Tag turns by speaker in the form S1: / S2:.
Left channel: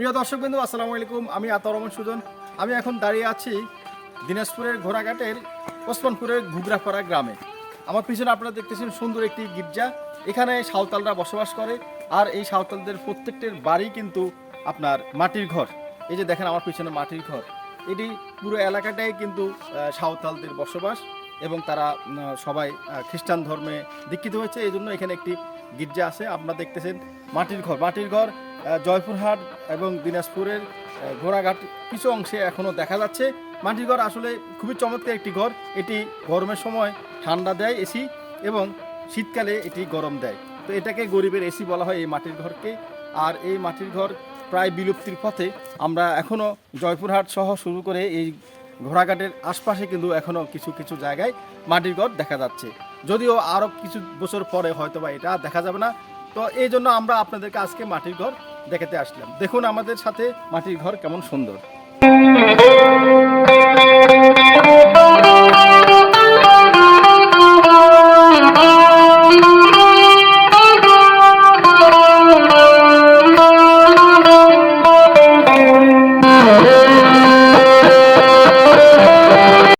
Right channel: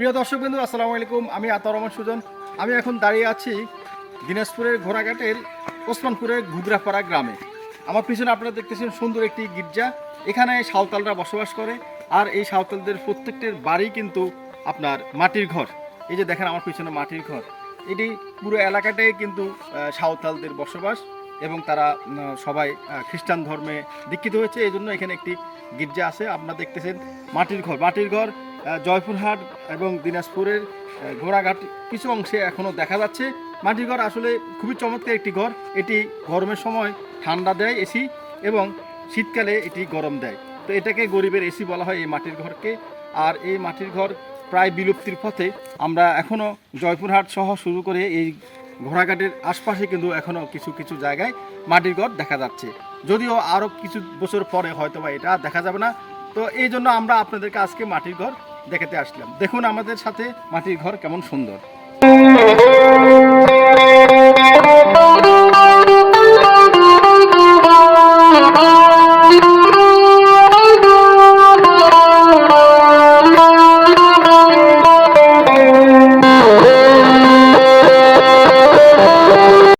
S1: প্রিয় দর্শক বিন্দু আসসালামু আলাইকুম। আমি আতর রহমান সুজন। আমি এখন দাঁড়িয়ে আছি দিনাজপুরের ঘোড়াঘাটের ওসমানপুরের ঘুগরাপাড়া গ্রামে। আমার পিছনে আপনারা দেখতেছেন সুন্দর একটি গির্জা। এখানে সাঁওতালরা বসবাস করে, আর এই সাঁওতালদের প্রত্যেকটির বাড়ি কিন্তু আপনার মাটির ঘর। এই যে দেখেন আমার পিছনে মাটির ঘর। এটি পুরো এলাকাটাই কিন্তু সাঁওতালদের বসবাস এবং তারা সবাই খ্রিস্টান ধর্মে দীক্ষিত হয়েছে। এই জন্য এখানে একটি গির্জা আছে। আপনারা দেখতেছেন মাটির ঘর। মাটির ঘর জয়পুরহাট এবং দিনাজপুরের ঘোড়াঘাট কিছু অংশে এখনও দেখা যাচ্ছে। মাটির ঘর আসলে খুবই চমৎকার একটি ঘর। এটি গরমের সময় ঠান্ডা দেয় এসি এবং শীতকালে এটি গরম দেয়। তো এটাকে গরিবের এসি বলা হয় এই মাটির ঘরকে। আর এই মাটির ঘর প্রায় বিলুপ্তির পথে আমরা এখনও জয়পুরহাট সহ শুরু করে এই ঘোড়াঘাটের আশপাশে কিন্তু এখনও কিছু কিছু জায়গায় মাটির ঘর দেখা যাচ্ছে। যদিও আরও কিছু বছর পরে হয়তো বা এটা দেখা যাবে না। তো এই জন্য আমরা আপনাদেরকে আজকে মাটির ঘর দেখাতে আসলাম। দেখুন আমাদের সাথে মাটির ঘর কেমন সুন্দর।